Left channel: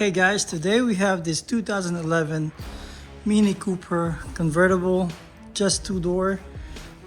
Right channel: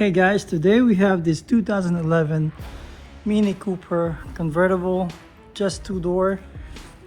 Hey guys, today we have this 2011 Mini Cooper convertible, just two-door.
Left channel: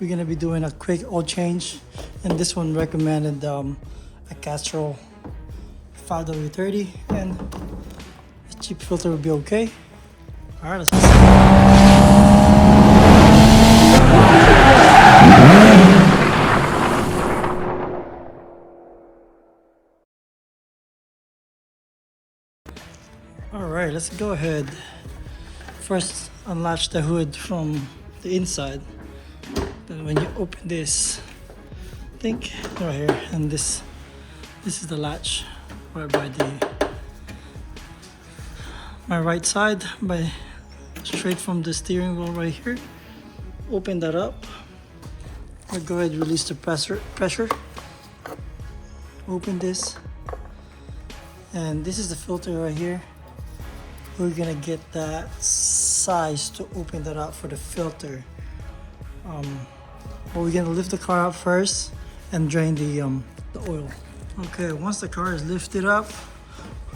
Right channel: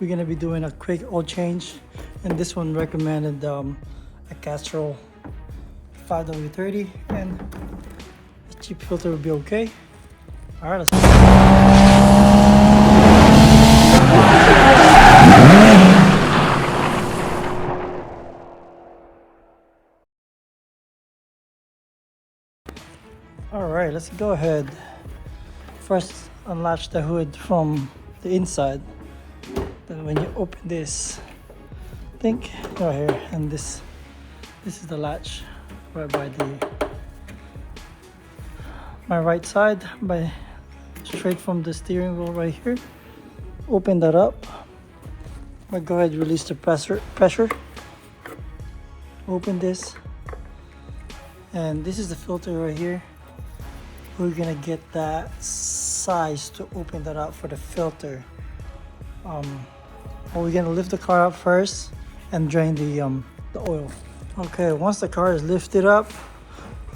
We're gonna be doing a quick oil change, and this one recommended a Castrol 5W30, and a cheap filter would be okay. All right, let's go. All right, let's go ahead. First, unlatch the hood from the inside. Then when you open this, I think right here, and this is the latch right by my right side, by straight from the steering wheel right here. Open that up. I'll go ahead and release the pressure. Open this, and this is the filter right here. We're gonna get that size to open that up for the filter. We're gonna lift the car up first and drain the oil. Okay, once the car is lifted up,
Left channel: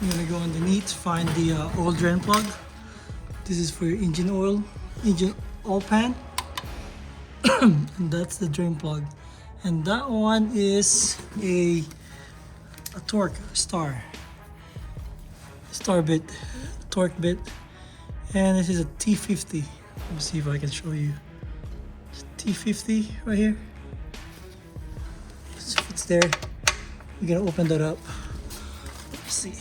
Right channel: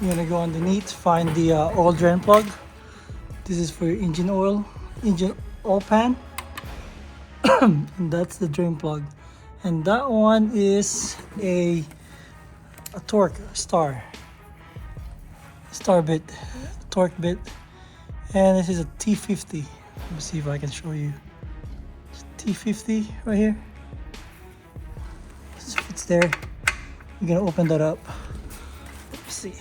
you're gonna go underneath, find the oil drain plug. This is for your engine oil pan. And that's the drain plug. And that one is a torque star bit, torque bit, and this is a T50. Let me see if I can show you. T50 right here. So it's there. You're gonna open that up. Let's see.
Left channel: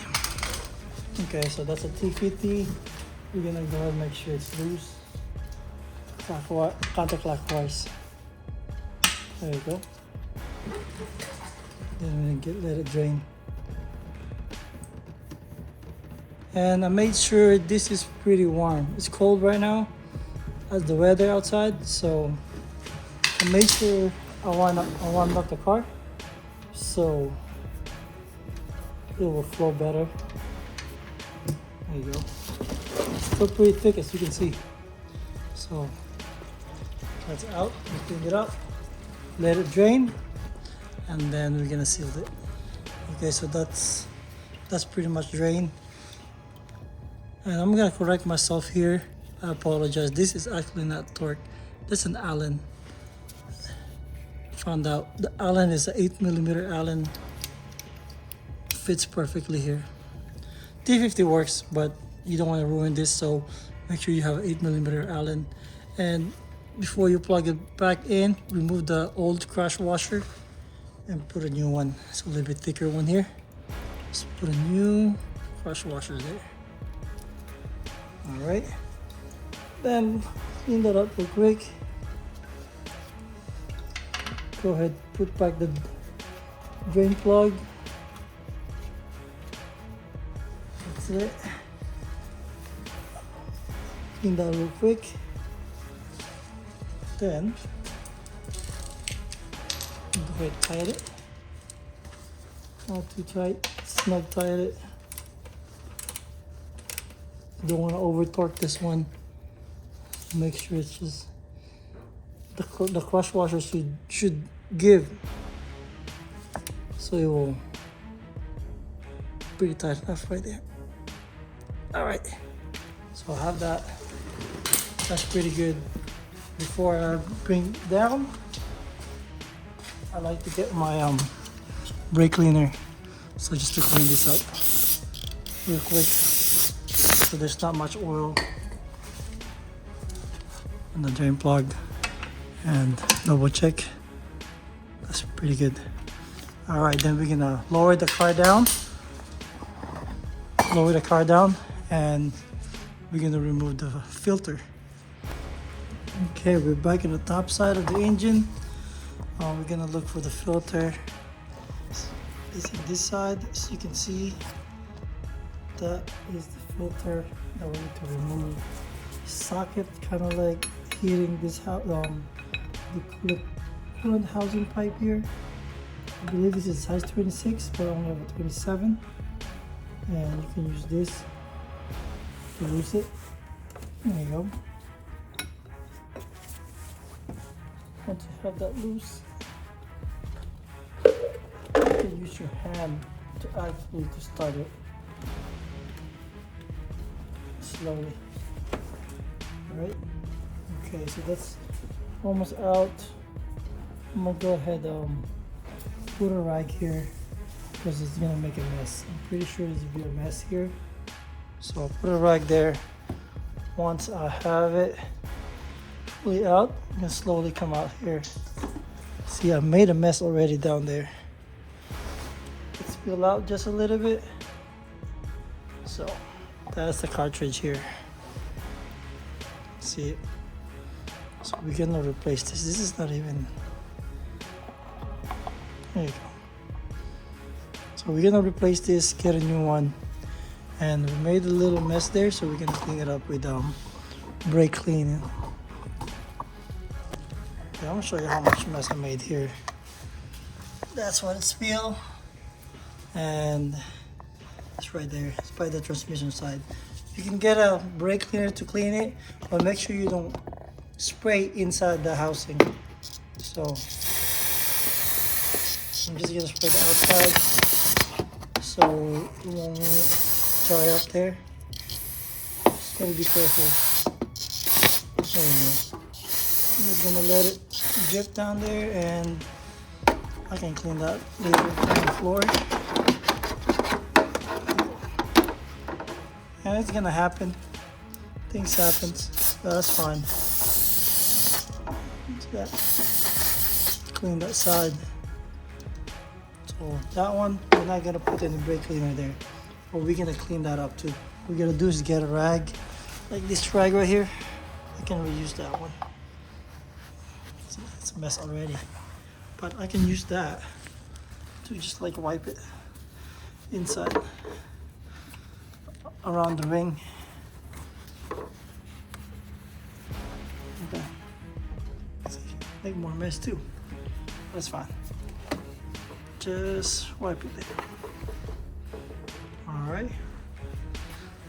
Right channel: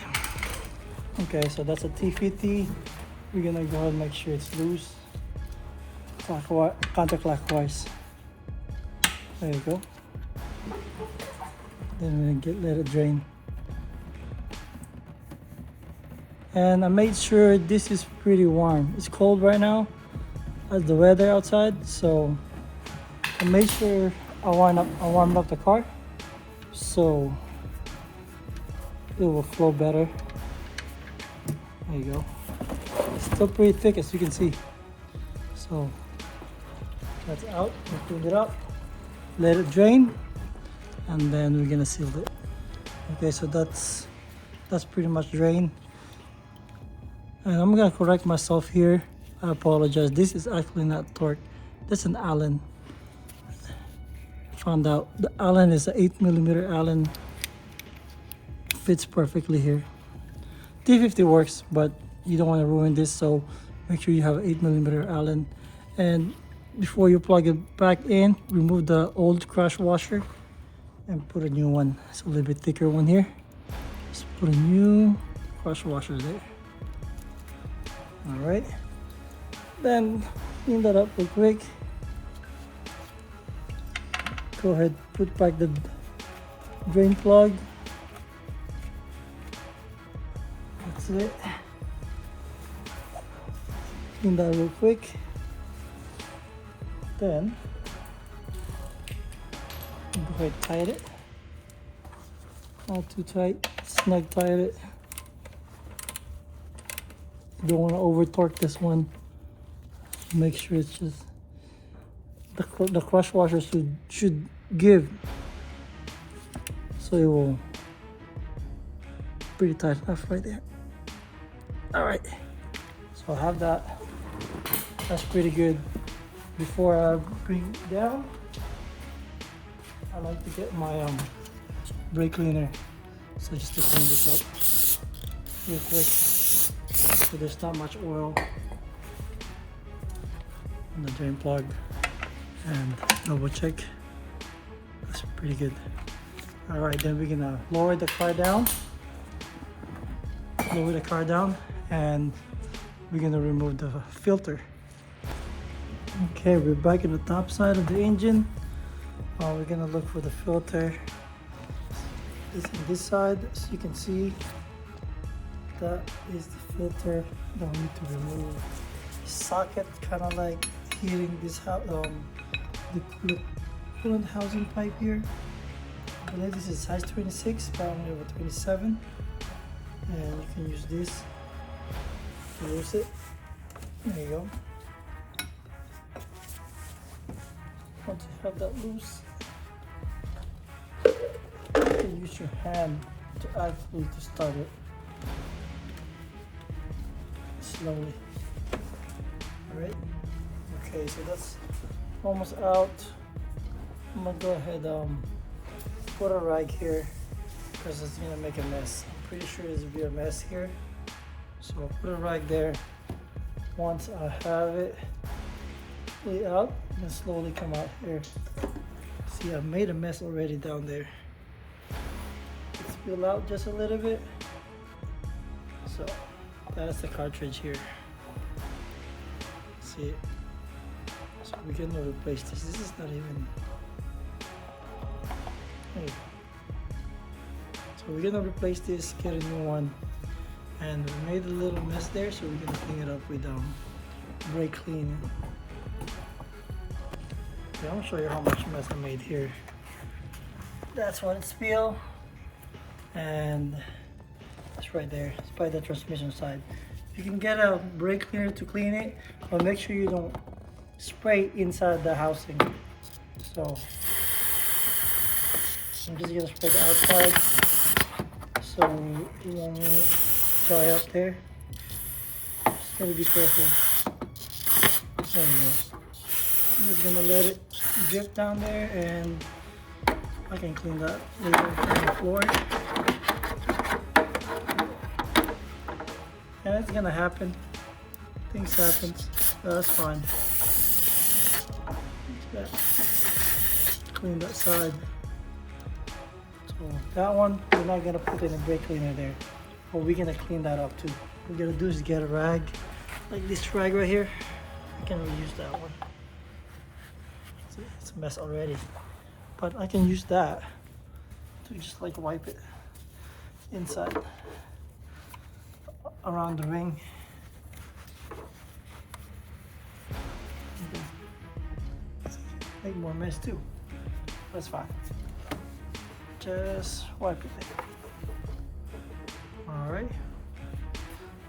Okay, so that's a T50. We're gonna go ahead and make sure it's loose. Counterclockwise. There you go. Then we're gonna let it drain. And I made sure this is pretty warm. It's cold right now as the weather outside, so I made sure I warmed up the car so it will flow better. There you go. It's still pretty thick, as you can see. So that's out. Clean it up, let it drain, and then we're gonna seal it. Okay, so that's pretty much drained. And I'm gonna correct myself here. I apologize. This is actually not torque. That's an Allen. Found out the Allen is an 8mm Allen. Fits perfectly here. T50 works, but you don't want to ruin this, so make sure you have an 8mm Allen. And before you plug it back in, remove the old crash washer and put a new one. It's a little bit thicker one here. Just put a new crash washer there. All right, then clean that up real quick. Go ahead, put back the drain plug. That's it. Clean that real quick. Then go ahead, tighten it. Not too tight, snug tighten it. You don't want to over torque this one. Make sure it's just the crush washer should give, so it will pretty tight enough right there. All right, so I'll have that. That's pretty good. Before I bring it down, I like to get my brake cleaner, so just to clean this up real quick. So there's not much oil in the drain plug, and double check. That's pretty good. All right, then we're gonna lower the car down, and we're gonna remove the filter. Okay, we're back at the top side of the engine. We're gonna look for the filter. It's on this side, so you can see that is the filter that we need to remove. Socket kind of like hitting this the coolant housing pipe here. I believe this is size 26, but I only have a 27, and you can use this to loose it. There you go. Once you have that loose, you can use your hand to actually start it. slowly. Alright? Okay, so that's almost out. I'm gonna go ahead put a rag here because it's gonna make a mess. I'm pretty sure there's gonna be a mess here. So I'll put a rag there. Once I have it fully out, I'm gonna slowly come out here. See, I made a mess already down there. Let's spill out just a little bit. So that's the cartridge here. See it? So we're gonna replace this. This is not even. There you go. So we're gonna replace this, get a new one, and we made a little mess there, so we're gonna clean it up with brake cleaning. Okay, I'm gonna show you how much mess I made here. That's what it's spilled, and it's right there. It's by the transmission side. You can get a brake cleaner to clean it, but make sure you don't spray inside the housing. So I'm just gonna spray the outside so it won't dry up there. Just gotta be careful. There you go. I'm just gonna let it drip down there, and I can clean that later on the floor. And it's gonna happen. Things happen. That's fine. Clean that side. So that one, we're not gonna put any brake cleaner there, but we're gonna clean that up too. What we're gonna do is get a rag, like this rag right here. I can reuse that one. See, it's a mess already, but I can use that to just like wipe it inside around the ring. Okay. Make more mess too. That's fine. Just wipe it there. Alright.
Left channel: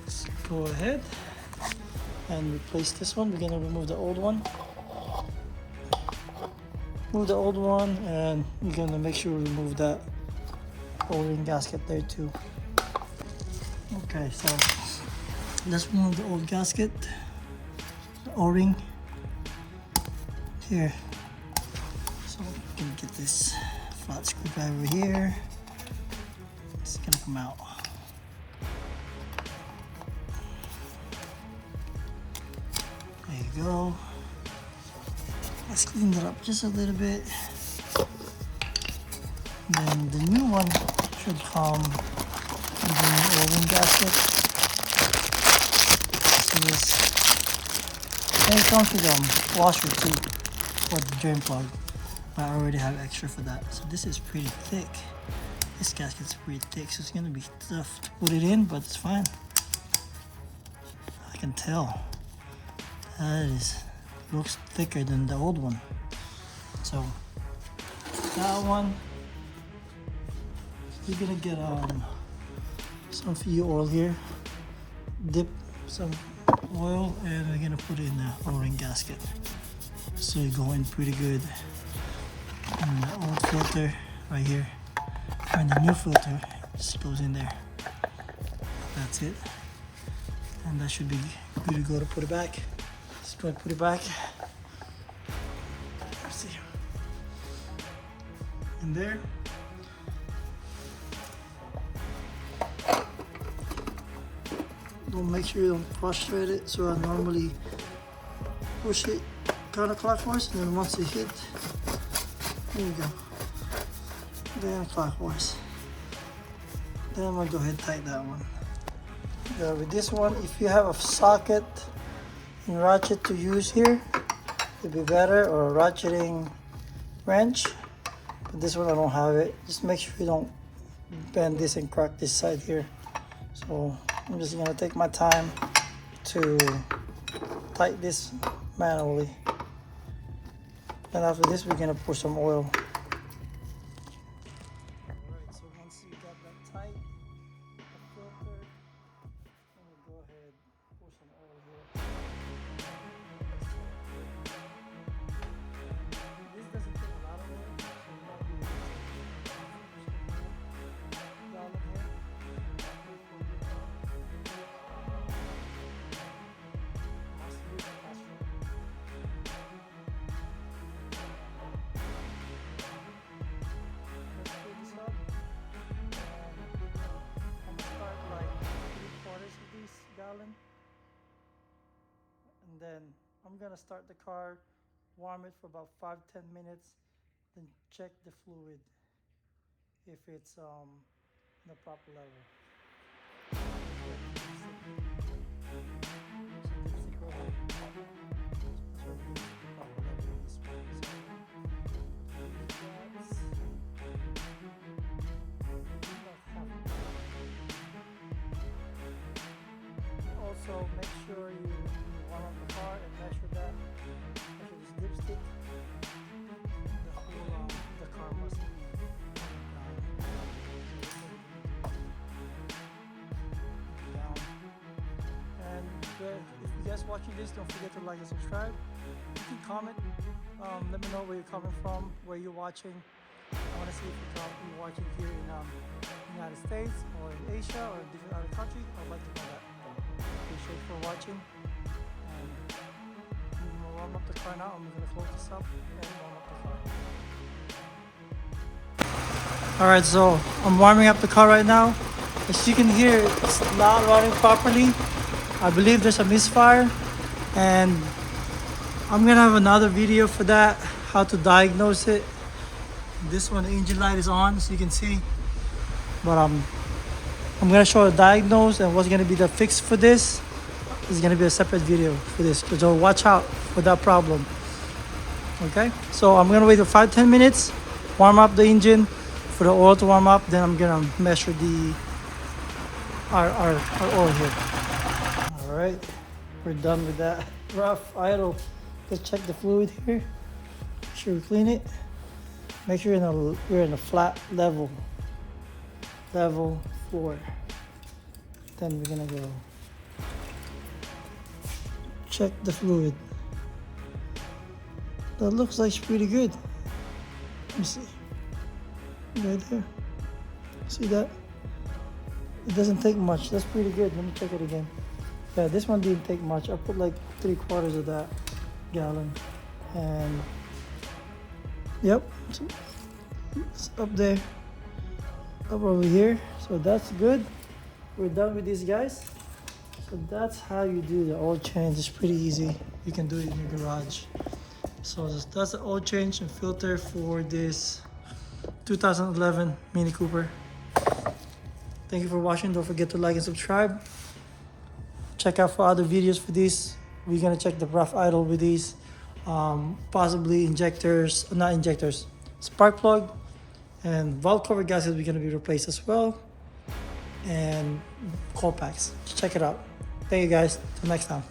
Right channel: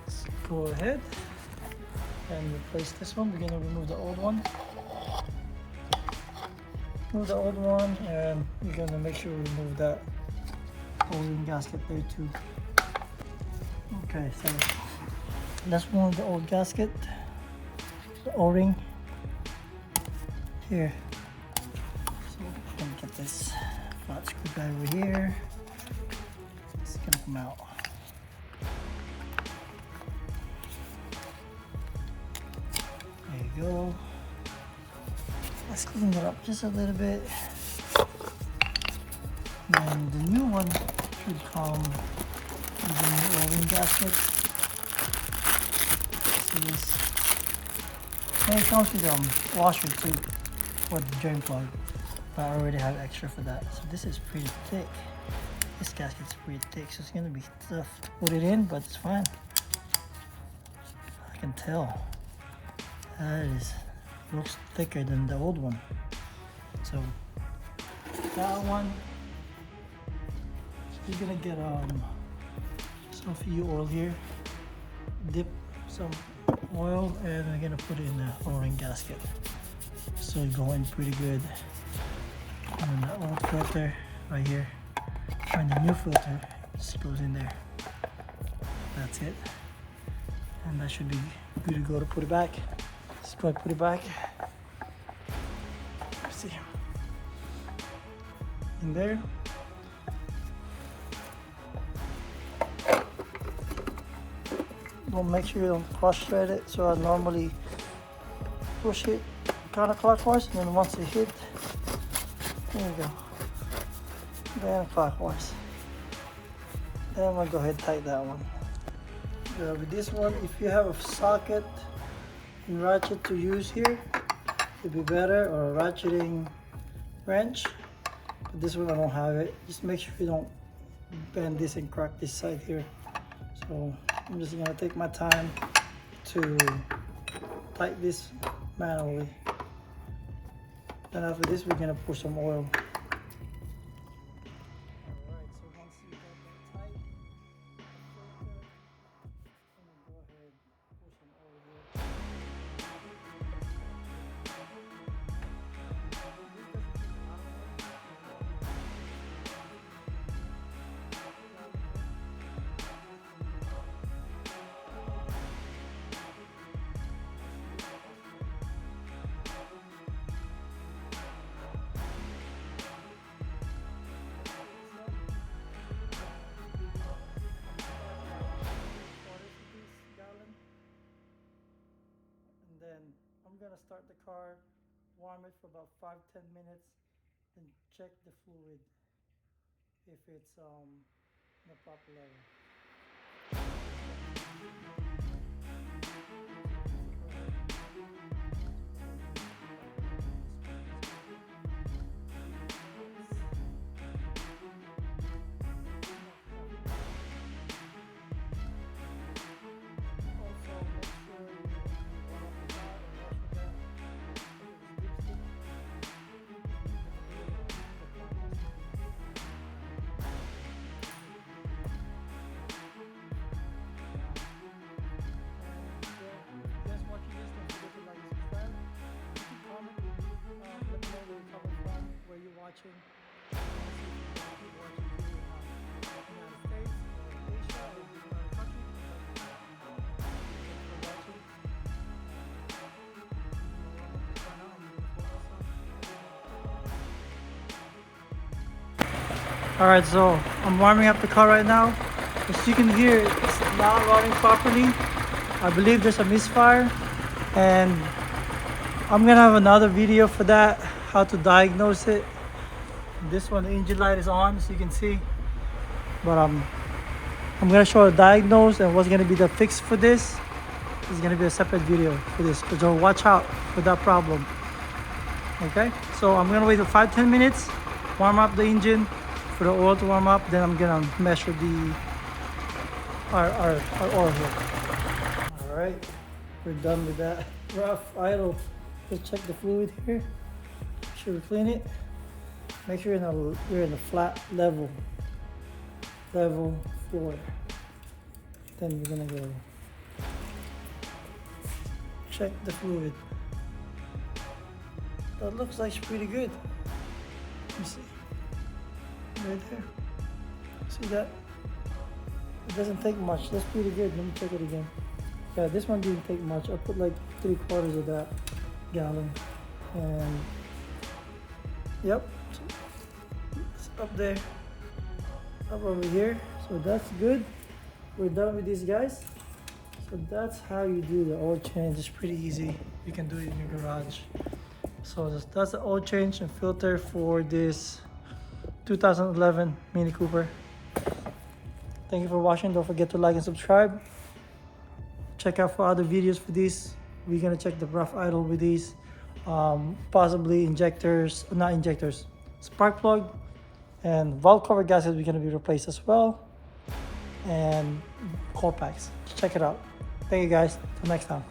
Let's go ahead and replace this one. We're gonna remove the old one. Remove the old one, and we're gonna make sure we remove that O-ring gasket there too. Okay, so let's remove the old gasket, the O-ring here. So we're gonna get this flat screwdriver here. It's gonna come out. There you go. Let's clean it up just a little bit. And then the new one should come with the new O-ring gasket. So this, and it comes with washer too for the drain plug. But I already have extra for that. So this is pretty thick. This gasket's pretty thick, so it's gonna be tough to put it in, but it's fine. I can tell. That looks thicker than the old one. So that one, you're gonna get some fuel oil here. Dip some oil, and we're gonna put it in the O-ring gasket. So you go in pretty good. And then the old filter right here, and the new filter just goes in there. That's it, and that should be good to go to put it back. Let's go and put it back. Let's see, in there. Don't make sure you don't cross thread it. So I normally push it counterclockwise, and then once it hit. There you go. Then clockwise. Then I'm gonna go ahead and tighten that one. With this one, if you have a socket and ratchet to use here, it'd be better, or a ratcheting wrench. But this one I don't have it. Just make sure you don't bend this and crack this side here. So I'm just gonna take my time to tighten this manually. And after this, we're gonna pour some oil. Alright, so once you got that tight, the filter, I'm gonna go ahead and pour some oil here. This doesn't take a lot of oil. gonna start the car, warm it for about 5-10 minutes, then check the fluid if it's in the proper level. Watching this, don't forget to like and subscribe. You can comment. Let me know where you're coming from, where you're watching. I want to see if you're watching here in the United States or in Asia or in different other countries. I'd like to know that. Thank you for watching. I'm gonna warm up the car now. I'm gonna float this up. Alright, so I'm warming up the car right now. As you can hear, it's not running properly. I believe there's a misfire, and I'm gonna have another video for that, how to diagnose it. This one, the engine light is on, so you can see, but I'm gonna show a diagnose and what's gonna be the fix for this. This is gonna be a separate video for this, so watch out for that problem. Okay, so I'm gonna wait for 5-10 minutes, warm up the engine for the oil to warm up, then I'm gonna measure the our oil here. Alright, we're done with that rough idle. Let's check the fluid here. Make sure we clean it. Make sure you're in a flat level floor. Then we're gonna go check the fluid. That looks like it's pretty good. Let me see. Right there. See that? It doesn't take much. That's pretty good. Let me check it again. Yeah, this one didn't take much. I put like 3/4 of that gallon, and yep, it's up there, up over here. So that's good. We're done with these guys. So that's how you do the oil change. It's pretty easy. You can do it in your garage. So that's the oil change and filter for this 2011 Mini Cooper. Thank you for watching. Don't forget to like and subscribe. Check out for other videos for these. We're gonna check the rough idle with these, possibly injectors, not injectors, spark plug, and valve cover gaskets. We're gonna be replaced as well, and coil packs. Check it out. Thank you guys. Till next time.